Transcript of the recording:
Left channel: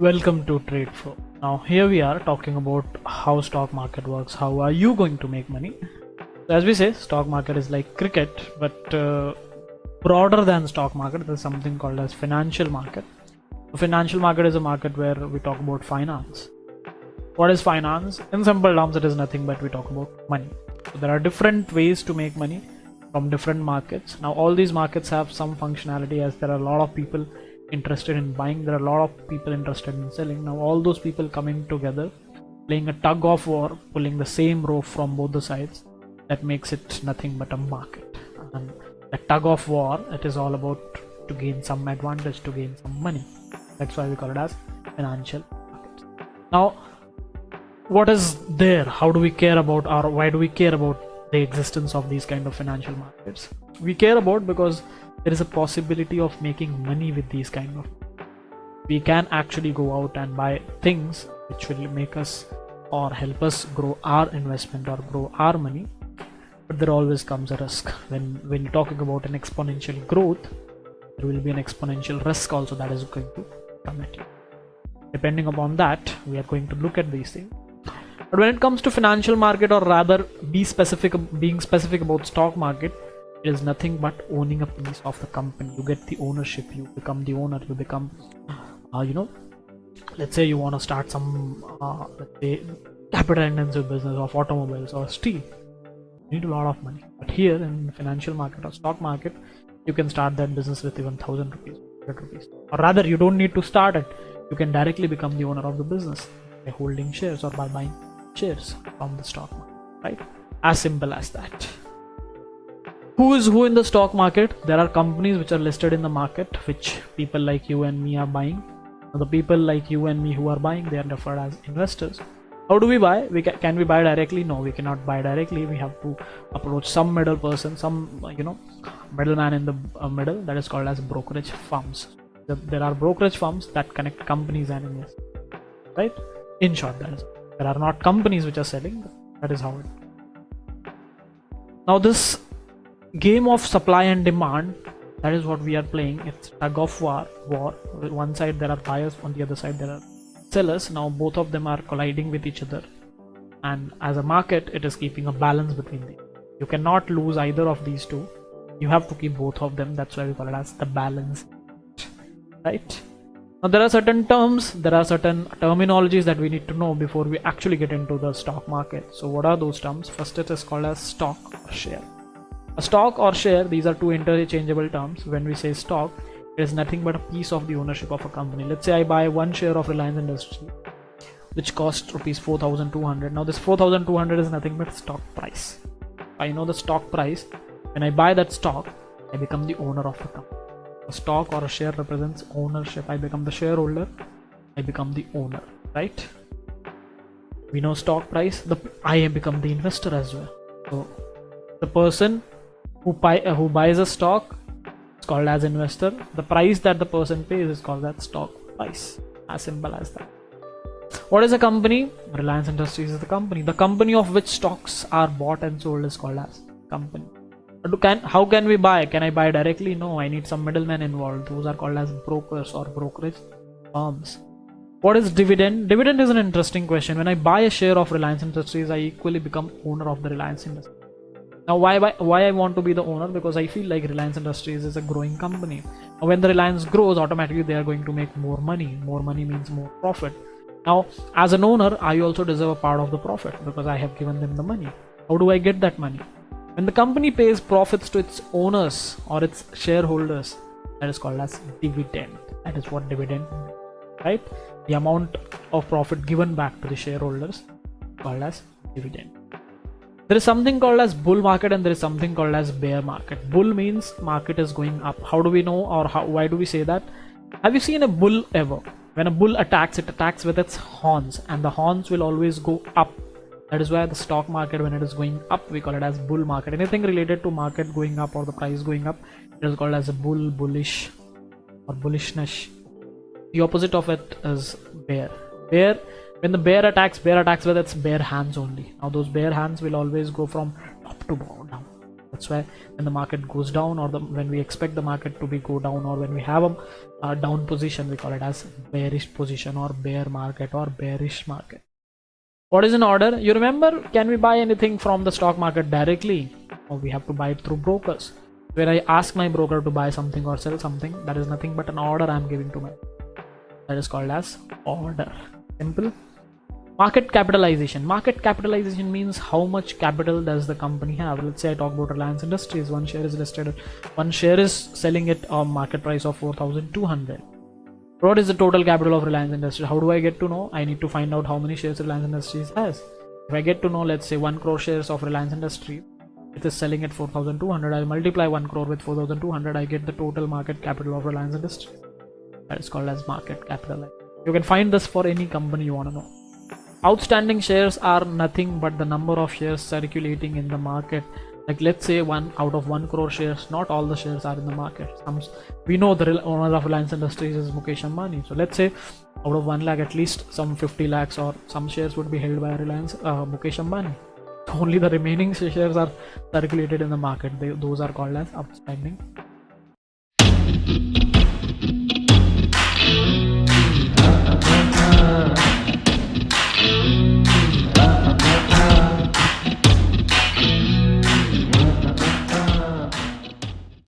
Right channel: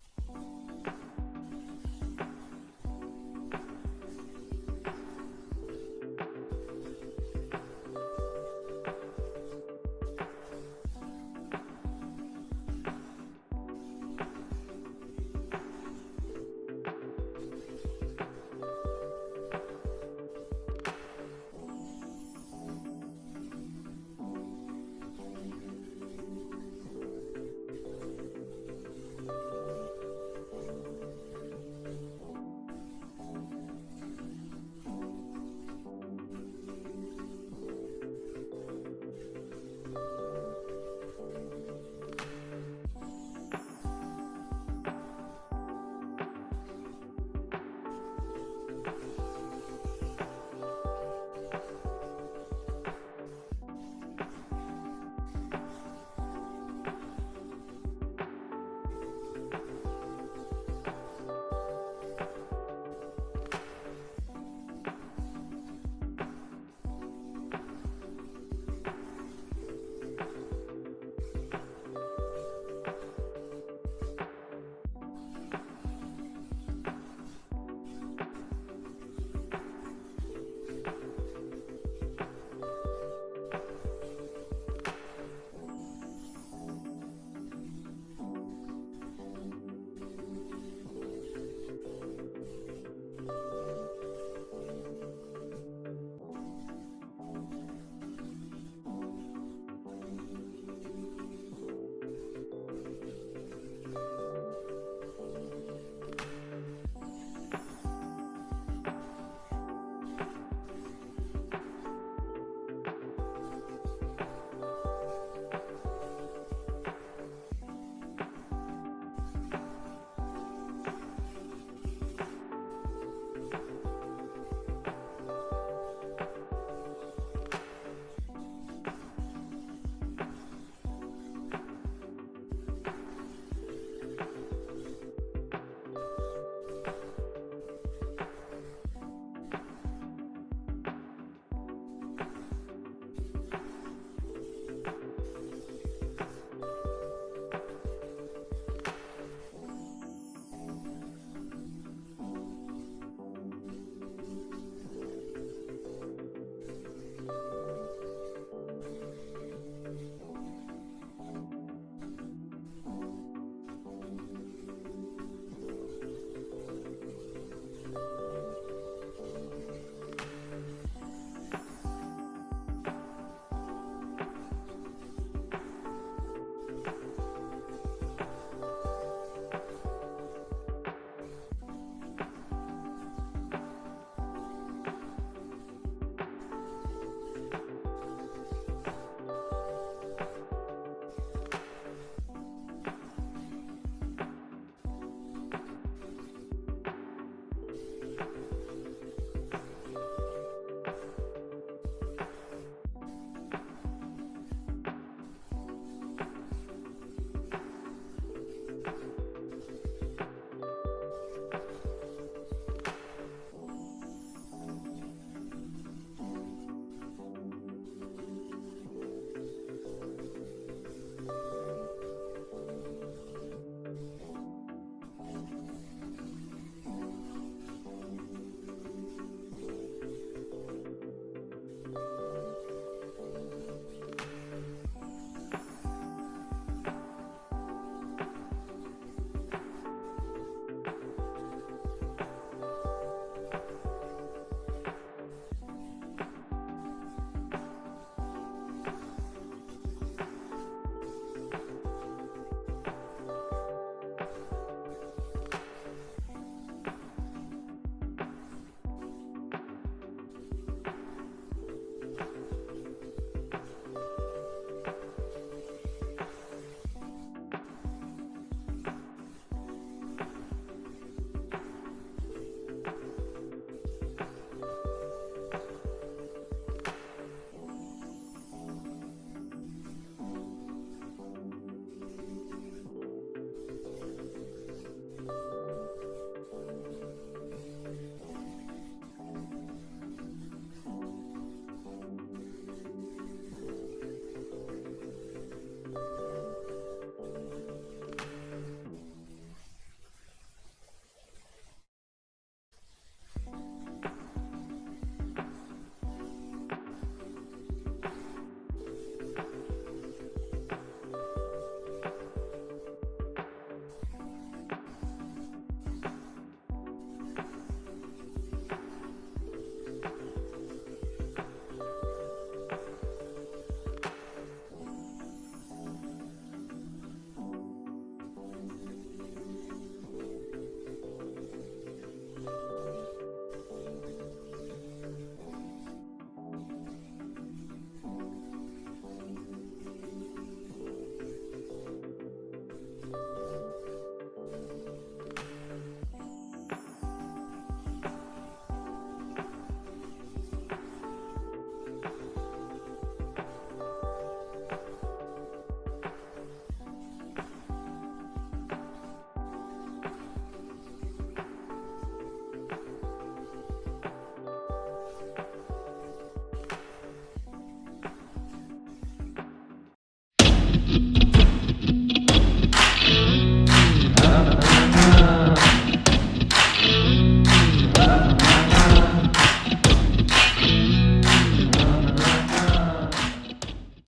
Welcome to Trade Flow. Now here we are talking about how stock market works. How are you going to make money? So as we say, stock market is like cricket, but broader than stock market. There's something called as financial market. The financial market is a market where we talk about finance. What is finance? In simple terms, it is nothing but we talk about money. So there are different ways to make money from different markets. Now all these markets have some functionality, as there are a lot of people interested in buying, there are a lot of people interested in selling. Now all those people coming together, playing a tug of war, pulling the same rope from both the sides, that makes it nothing but a market. And the tug of war, it is all about to gain some advantage, to gain some money. That's why we call it as financial markets. Now what is there? How do we care about, or why do we care about the existence of these kind of financial markets? We care about because there is a possibility of making money with these kind of. We can actually go out and buy things which will make us or help us grow our investment or grow our money, but there always comes a risk. When you're talking about an exponential growth, there will be an exponential risk also that is going to come at you. Depending upon that, we are going to look at these things. But when it comes to financial market, or rather being specific about stock market, it is nothing but owning a piece of the company. You get the ownership, you become the owner, you become let's say you want to start some let's say capital intensive business of automobiles or steel. You need a lot of money, but here in financial market or stock market, you can start that business with even 1,000 rupees, 100 rupees, or rather you don't need to start it. You can directly become the owner of the business by holding shares or by buying shares from the stock market, right? As simple as that. Who is who in the stock market? There are companies which are listed in the market, which people like you and me are buying. Now, the people like you and me who are buying, they are referred as investors. How do we buy? Can we buy directly? No, we cannot buy directly. We have to approach some middle person, some middleman in the middle, that is called as brokerage firms. There are brokerage firms that connect companies and investors, right? In short, that is, there are not companies which are selling. That is how it. Now this game of supply and demand, that is what we are playing. It's tug of war. One side there are buyers, on the other side there are sellers. Now both of them are colliding with each other, and as a market, it is keeping a balance between them. You cannot lose either of these two. You have to keep both of them. That's why we call it as the balance, right? Now there are certain terms, there are certain terminologies that we need to know before we actually get into the stock market. So what are those terms? First, it is called as stock or share. A stock or share, these are two interchangeable terms. When we say stock, it is nothing but a piece of the ownership of a company. Let's say I buy one share of Reliance Industries, which costs rupees 4,200. Now this 4,200 is nothing but stock price. I know the stock price. When I buy that stock, I become the owner of the company. A stock or a share represents ownership. I become the shareholder, I become the owner, right? We know stock price, I become the investor as well. So the person who buys a stock is called as investor. The price that the person pays is called that stock price. As simple as that. What is a company? Reliance Industries is the company. The company of which stocks are bought and sold is called as company. How can we buy? Can I buy directly? No, I need some middlemen involved. Those are called as brokers or brokerage firms. What is dividend? Dividend is an interesting question. When I buy a share of Reliance Industries, I equally become owner of the Reliance Industries. Now why I want to be the owner? Because I feel like Reliance Industries is a growing company. Now when the Reliance grows, automatically they are going to make more money. More money means more profit. Now as an owner, I also deserve a part of the profit because I have given them the money. How do I get that money? When the company pays profits to its owners or its shareholders, that is called as dividend. That is what dividend means, right? The amount of profit given back to the shareholders called as dividend. There is something called as bull market and there is something called as bear market. Bull means market is going up. How do we know, or why do we say that? Have you seen a bull ever? When a bull attacks, it attacks with its horns, and the horns will always go up. That is why the stock market, when it is going up, we call it as bull market. Anything related to market going up or the price going up, it is called as a bull, bullish, or bullishness. The opposite of it is bear. When the bear attacks with its bare hands only. Now those bare hands will always go from top to down. That's why when the market goes down, or when we expect the market to be go down, or when we have a down position, we call it as bearish position or bear market or bearish market. What is an order? You remember, can we buy anything from the stock market directly? Or we have to buy it through brokers. When I ask my broker to buy something or sell something, that is nothing but an order I am giving to my. That is called as order. Simple. Market capitalization. Market capitalization means how much capital does the company have. Let's say I talk about Reliance Industries. One share is listed. One share is selling at a market price of 4,200. What is the total capital of Reliance Industries? How do I get to know? I need to find out how many shares Reliance Industries has. If I get to know, let's say 1 crore shares of Reliance Industries, it is selling at 4,200. I multiply 1 crore with 4,200. I get the total market capital of Reliance Industries. That is called as market capitalization. You can find this for any company you want to know. Outstanding shares are nothing but the number of shares circulating in the market. Like let's say 1 out of 1 crore shares, not all the shares are in the market. We know the owner of Reliance Industries is Mukesh Ambani. So let's say out of 1 lakh, at least some 50 lakhs or some shares would be held by Reliance Mukesh Ambani. Only the remaining shares are circulated in the market. Those are called as outstanding